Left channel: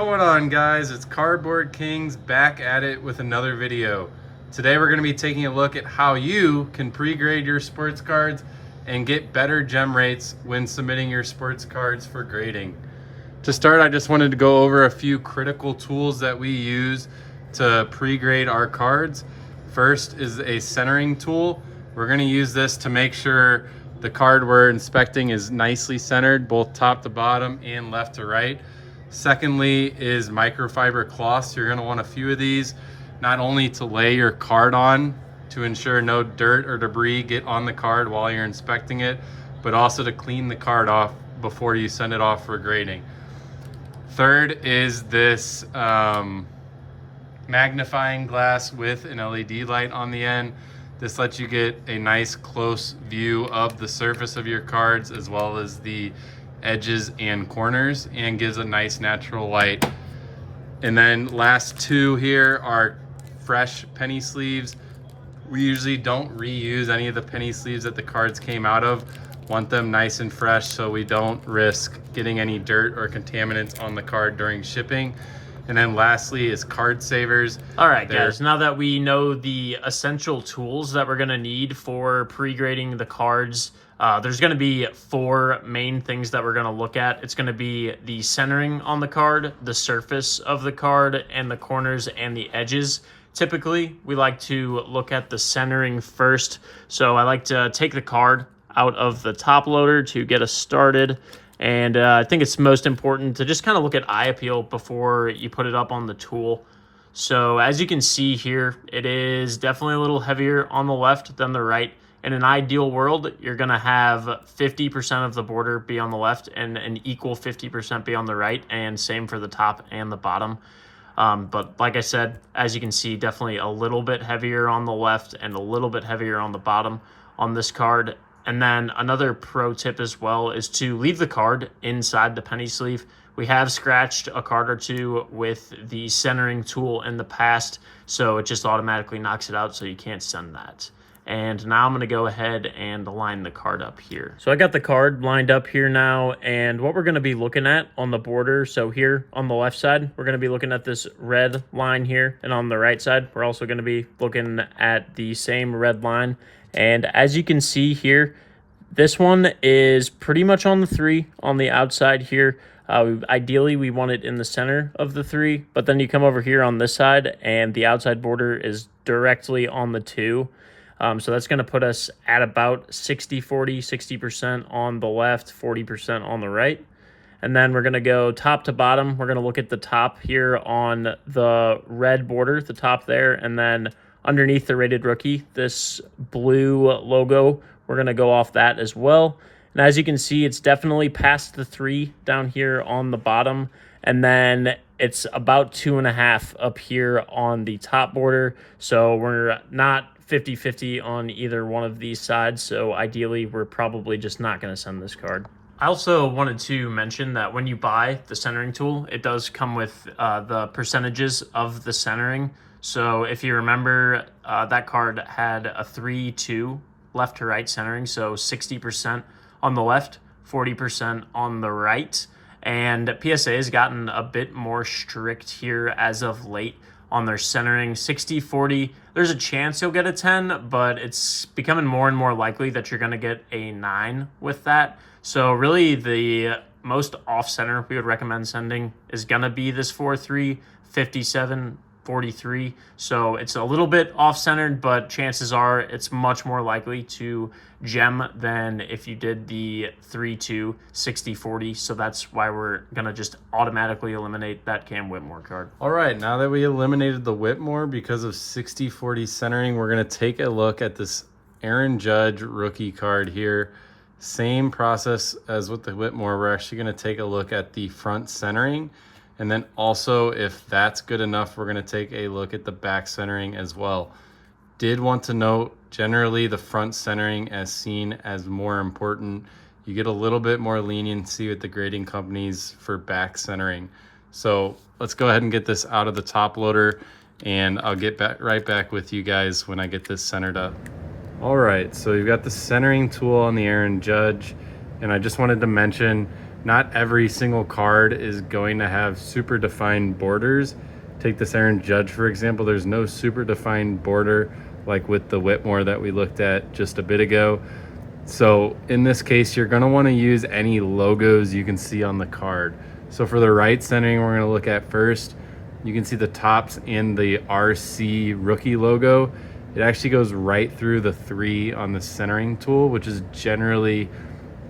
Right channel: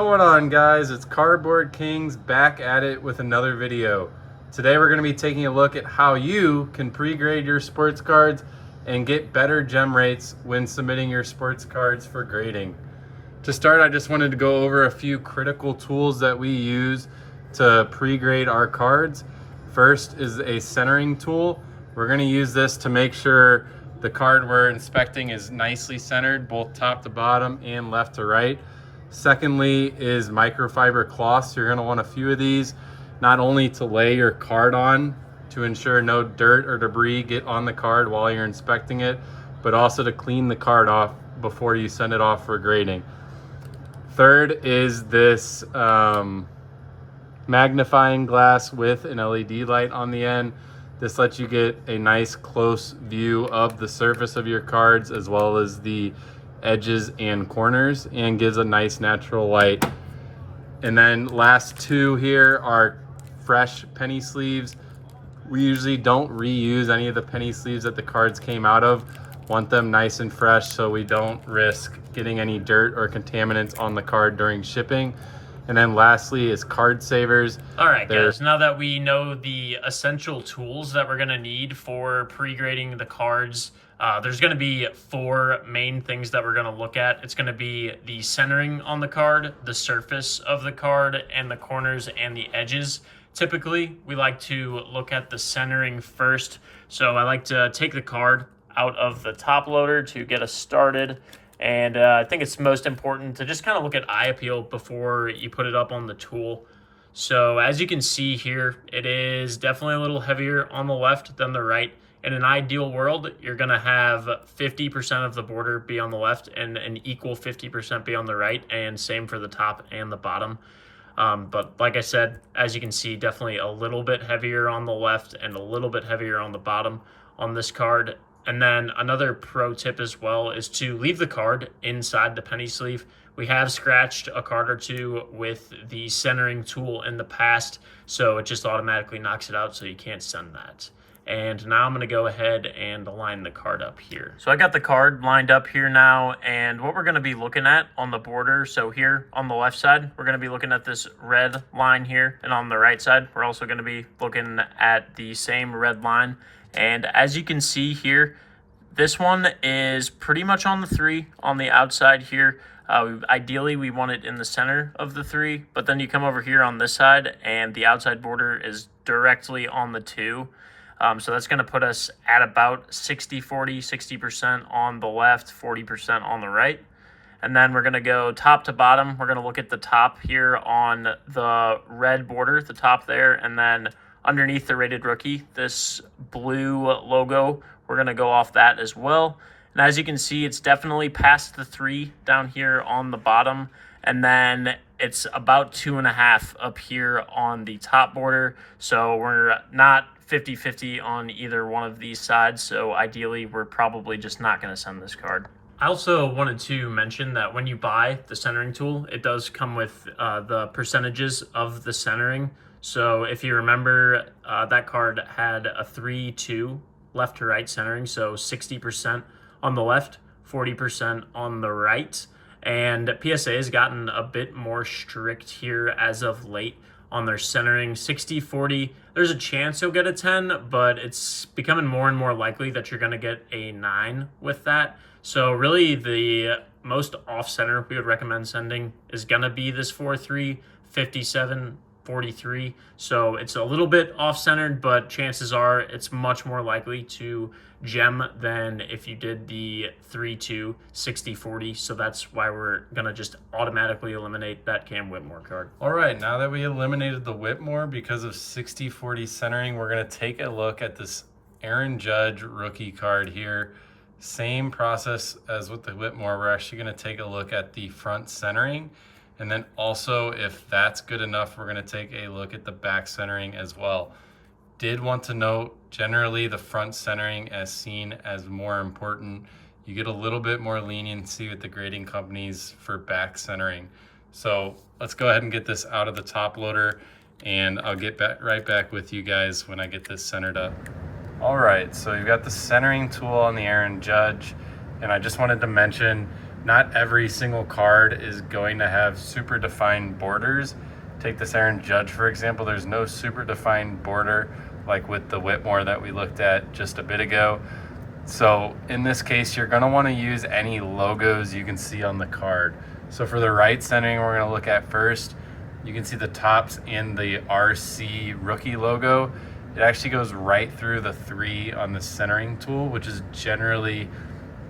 going on, guys? It's Cardboard Kings back at it with another video. Today we're going to be taking a look at how you can pre-grade your sports cards and get better gem rates when submitting your sports cards for grading. To start, I just wanted to go over a few critical tools that we use to pre-grade our cards. First is a centering tool. We're going to use this to make sure the card we're inspecting is nicely centered, both top to bottom and left to right. Secondly is microfiber cloths. You're going to want a few of these, not only to lay your card on to ensure no dirt or debris get on the card while you're inspecting it, but also to clean the card off before you send it off for grading. Third is this magnifying glass with an LED light on the end. This lets you get a nice close view of the surface of your cards as well as the edges and corners, and gives a nice natural light. And then last two here are fresh penny sleeves. We usually don't reuse any of the penny sleeves that the cards came out of. Want them nice and fresh so we don't risk getting any dirt or contaminants on the card during shipping. And then lastly is card savers. All right, guys, now that we know the essential tools that we're gonna need for pre-grading the cards, there's gonna be four main things that we're gonna look at. It's gonna be the centering on the card, the surface of the card, and the corners and the edges. Typically, we like to look at the centering first. So I like to take the card out of the top loader to get us started. And I think it's most important to just kind of look at eye appeal before you put it up on the tool. So as you can see here, it is definitely a little heavier on the left than the right. In an ideal world, you're gonna have 50% of the border be on the left and an equal 50% be on the right, and same for the top and the bottom. But like I said, as you can see, definitely a little bit heavier on the left and a little bit heavier on the bottom on this card. And then another pro tip as well is to leave the card inside the penny sleeve. We have scratched a card or two with the centering tool in the past, so it just automatically knocks it out, so you can't send that. And now I'm going to go ahead and line the card up here. So I got the card lined up here now, and what we're going to be looking at on the border, so here on the left side, we're going to be looking at this red line here, and on the right side, we're also going to be looking at the same red line. And as you can see here, this one is pretty much on the 3 on the outside here. Ideally, we want it in the center of the 3, but then you come over here on this side and the outside border is directly on the 2. So that's going to put us at about 60-40, 60% on the left, 40% on the right. And then we're going to go top to bottom. We're going to look at the top here on the red border, the top there, and then underneath the rated rookie, this blue logo, we're going to go off that as well. And as you can see, it's definitely past the 3 down here on the bottom. And then it's about 2.5 up here on the top border. So we're not 50-50 on either one of these sides. So ideally, we're probably just not going to send this card. I also wanted to mention that when you buy the centering tool, it does come with the percentages of the centering. So if you remember, that card had a 3-2 left to right centering, so 60% on the left, 40% on the right. And PSA has gotten a bit more strict here as of late on their centering. 60-40, there's a chance you'll get a 10, but it's becoming more and more likely that you're going to get a 9 with that. So really the most off-center we would recommend sending is going to be this 4-3, 57, 43. So it's a little bit off-centered, but chances are it's much more likely to gem than if you did the 3-2, 60-40. So that's why we're going to just automatically eliminate that Cam Whitmore card. All right, now that we eliminated the Whitmore because of 60-40 centering, we're going to take a look at this Aaron Judge rookie card here. Same process as with the Whitmore. We're actually going to take a look at the front centering. And then also, if that's good enough, we're going to take a look at the back centering as well. Did want to note, generally the front centering as seen as more important. You get a little bit more leniency with the grading companies for back centering. So let's go ahead and get this out of the top loader, and I'll get right back with you guys when I get this centered up. All right, so you've got the centering tool on the Aaron Judge, and I just wanted to mention, Not every single card is going to have super defined borders. Take this Aaron Judge, for example. There's no super defined border like with the Whitmore that we looked at just a bit ago. So in this case, you're going to want to use any logos you can see on the card. So for the right centering, we're going to look at first. You can see the Topps and the RC rookie logo. It actually goes right through the 3 on the centering tool, which is generally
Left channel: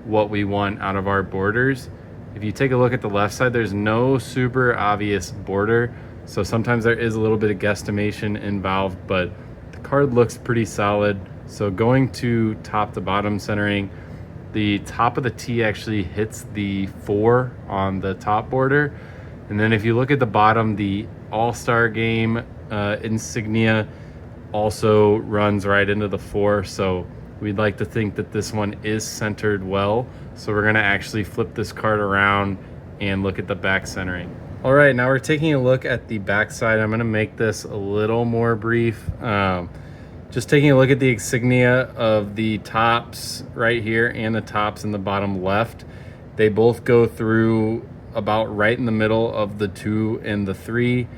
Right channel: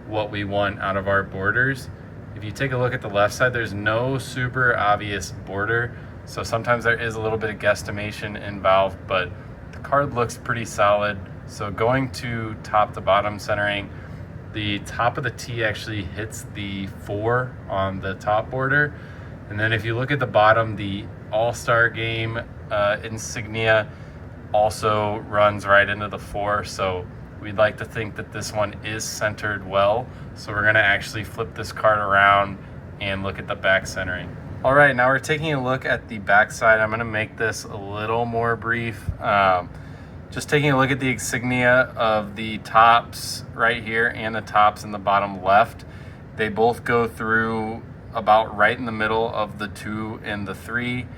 what we want out of our borders. If you take a look at the left side, there's no super obvious border. So sometimes there is a little bit of guesstimation involved, but the card looks pretty solid. So going to top to bottom centering, the top of the T actually hits the 4 on the top border. And then if you look at the bottom, the All-Star Game insignia also runs right into the 4. So we'd like to think that this one is centered well. So we're gonna actually flip this card around and look at the back centering. All right, now we're taking a look at the back side. I'm gonna make this a little more brief. Just taking a look at the insignia of the Topps right here and the Topps in the bottom left. They both go through about right in the middle of the 2 and the 3.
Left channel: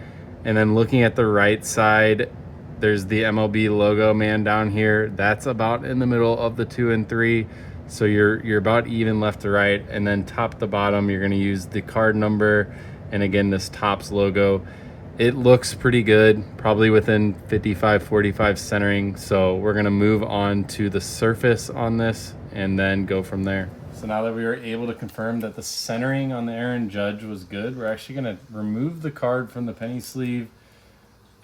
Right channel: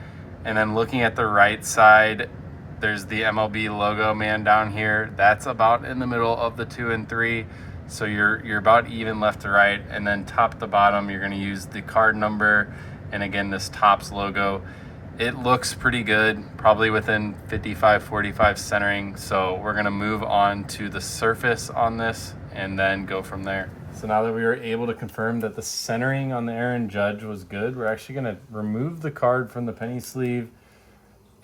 And then looking at the right side, there's the MLB logo man down here. That's about in the middle of the 2 and 3. So you're about even left to right. And then top to bottom, you're gonna use the card number and again, this Topps logo. It looks pretty good, probably within 55-45 centering. So we're gonna move on to the surface on this and then go from there. So now that we were able to confirm that the centering on the Aaron Judge was good, we're actually gonna remove the card from the penny sleeve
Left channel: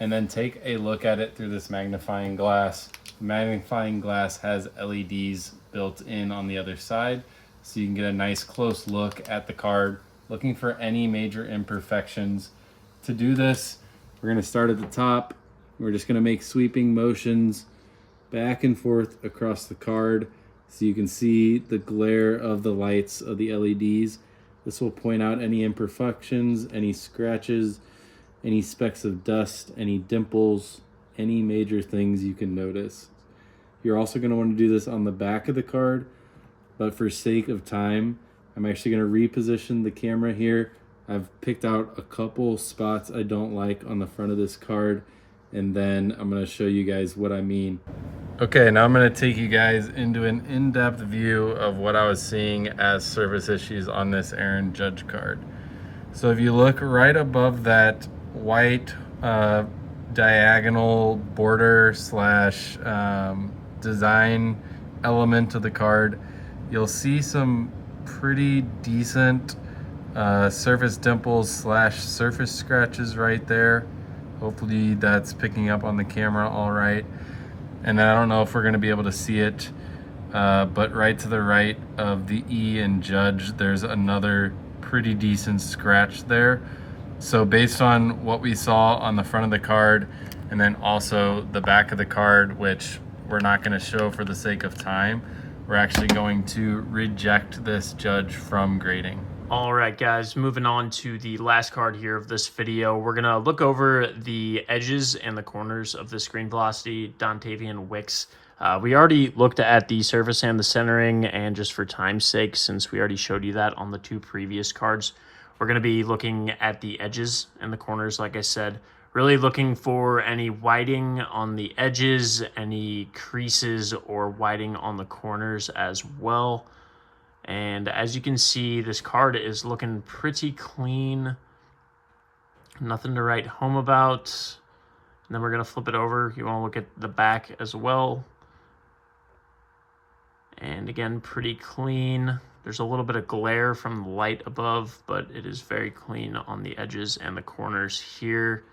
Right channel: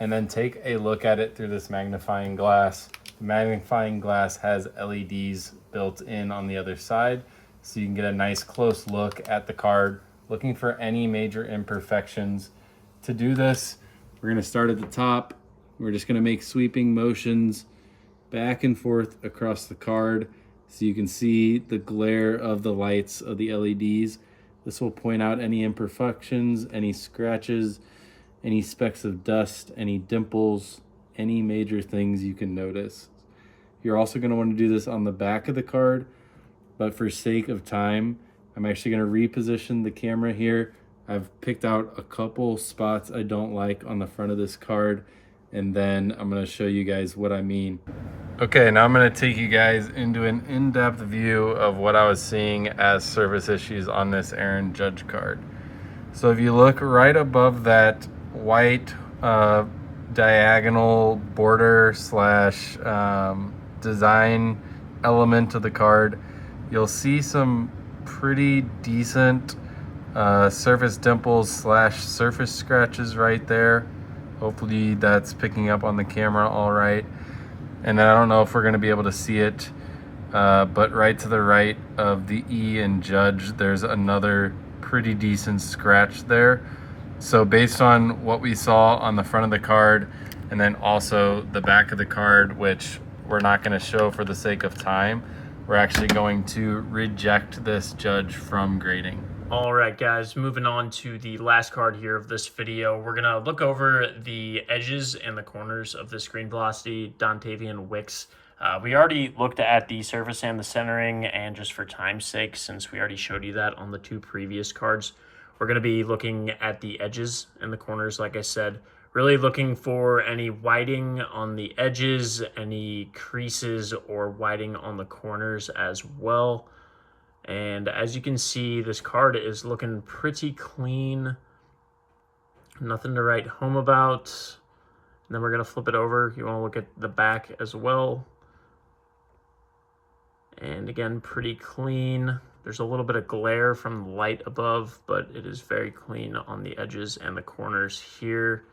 and then take a look at it through this magnifying glass. The magnifying glass has LEDs built in on the other side, so you can get a nice close look at the card, looking for any major imperfections. To do this, we're gonna start at the top. We're just gonna make sweeping motions back and forth across the card so you can see the glare of the lights of the LEDs. This will point out any imperfections, any scratches, any specks of dust, any dimples, any major things you can notice. You're also going to want to do this on the back of the card, but for sake of time, I'm actually going to reposition the camera here. I've picked out a couple spots I don't like on the front of this card, and then I'm going to show you guys what I mean. Okay, now I'm going to take you guys into an in-depth view of what I was seeing as surface issues on this Aaron Judge card. So if you look right above that white diagonal border slash design element of the card, you'll see some pretty decent surface dimples slash surface scratches right there. Hopefully that's picking up on the camera all right. And then I don't know if we're going to be able to see it, but right to the right of the E and Judge, there's another pretty decent scratch there. So based on what we saw on the front of the card and then also the back of the card, which we're not going to show for the sake of time, we're actually going to reject this Judge from grading. All right, guys, moving on to the last card here of this video. We're going to look over the edges and the corners of this Green Velocity Dontavian Wicks. We already looked at the surface and the centering, and just for time's sake, since we already showed you that on the 2 previous cards, we're going to be looking at the edges and the corners, like I said. Really looking for any whiting on the edges, any creases or whiting on the corners as well. And as you can see, this card is looking pretty clean. Nothing to write home about. And then we're going to flip it over. You want to look at the back as well. And again, pretty clean. There's a little bit of glare from the light above, but it is very clean on the edges and the corners here.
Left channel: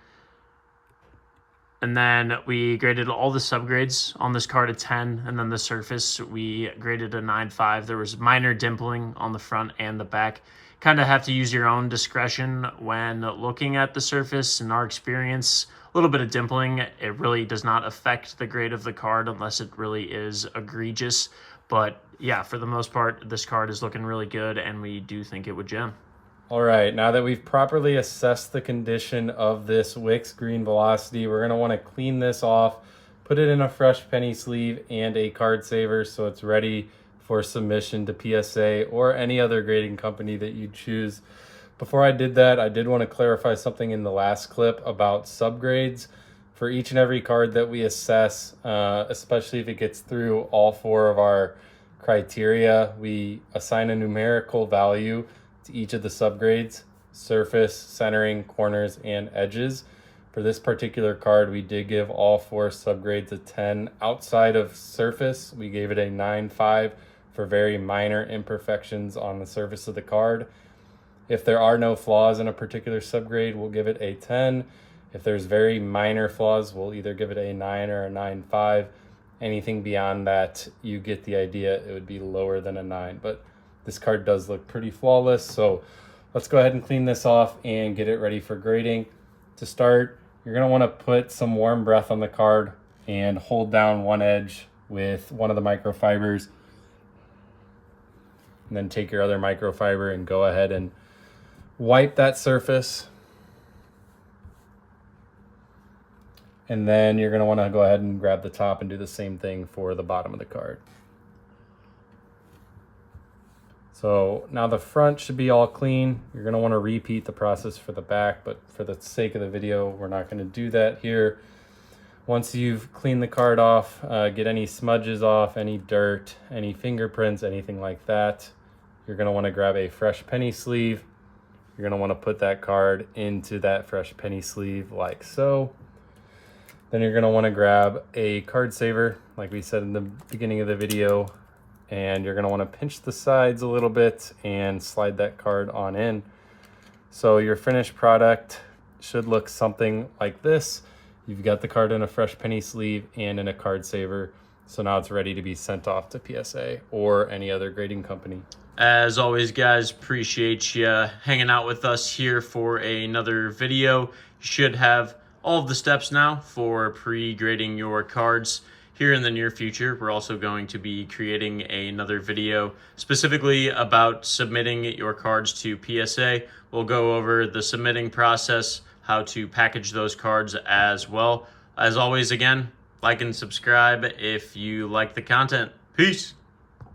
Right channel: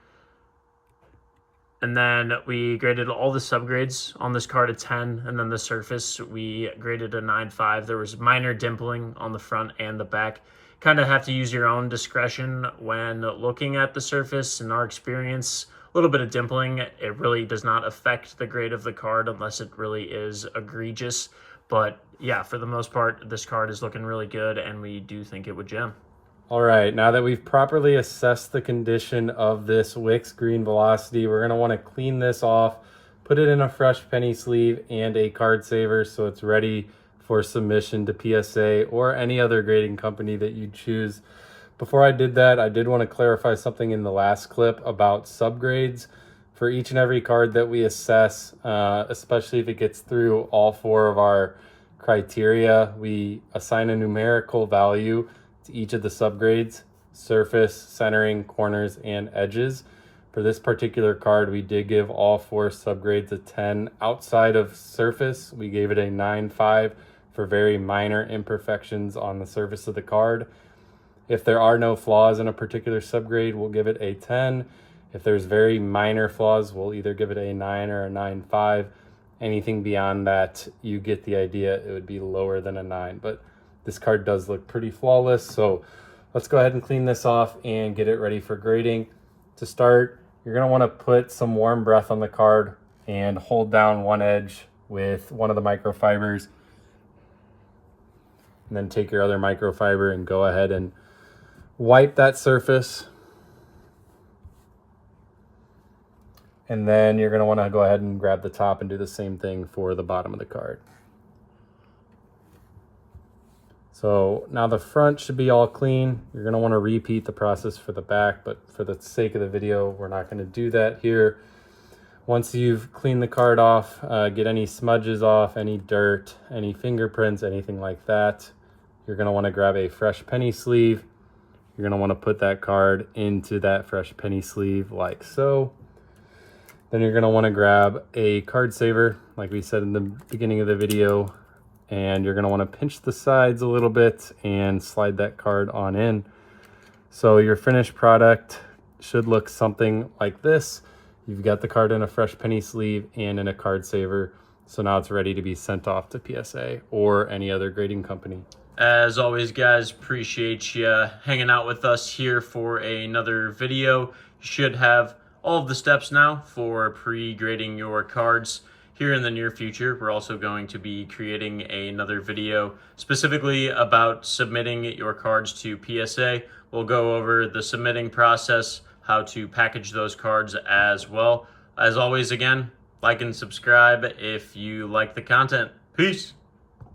And then we graded all the subgrades on this card a 10, and then the surface we graded a 9.5. There was minor dimpling on the front and the back. Kind of have to use your own discretion when looking at the surface. In our experience, a little bit of dimpling, it really does not affect the grade of the card unless it really is egregious. But yeah, for the most part, this card is looking really good, and we do think it would gem. All right, now that we've properly assessed the condition of this Wicks Green Velocity, we're gonna wanna clean this off, put it in a fresh penny sleeve and a card saver so it's ready for submission to PSA or any other grading company that you choose. Before I did that, I did want to clarify something in the last clip about subgrades. For each and every card that we assess, especially if it gets through all 4 of our criteria, we assign a numerical value to each of the subgrades: surface, centering, corners, and edges. For this particular card, we did give all 4 subgrades a 10. Outside of surface, we gave it a 9.5 for very minor imperfections on the surface of the card. If there are no flaws in a particular subgrade, we'll give it a 10. If there's very minor flaws, we'll either give it a 9 or a 9.5. Anything beyond that, you get the idea, it would be lower than a 9. But this card does look pretty flawless, so let's go ahead and clean this off and get it ready for grading. To start, you're going to want to put some warm breath on the card and hold down one edge with one of the microfibers. And then take your other microfiber and go ahead and wipe that surface. And then you're going to want to go ahead and grab the top and do the same thing for the bottom of the card. So now the front should be all clean. You're going to want to repeat the process for the back, but for the sake of the video, we're not going to do that here. Once you've cleaned the card off, get any smudges off, any dirt, any fingerprints, anything like that, you're going to want to grab a fresh penny sleeve. You're going to want to put that card into that fresh penny sleeve like so. Then you're going to want to grab a card saver, like we said in the beginning of the video, and you're going to want to pinch the sides a little bit and slide that card on in. So your finished product should look something like this. You've got the card in a fresh penny sleeve and in a card saver. So now it's ready to be sent off to PSA or any other grading company. As always, guys, appreciate you hanging out with us here for another video. You should have all of the steps now for pre-grading your cards. Here in the near future, we're also going to be creating another video specifically about submitting your cards to PSA. We'll go over the submitting process, how to package those cards as well. As always, again, like and subscribe if you like the content. Peace.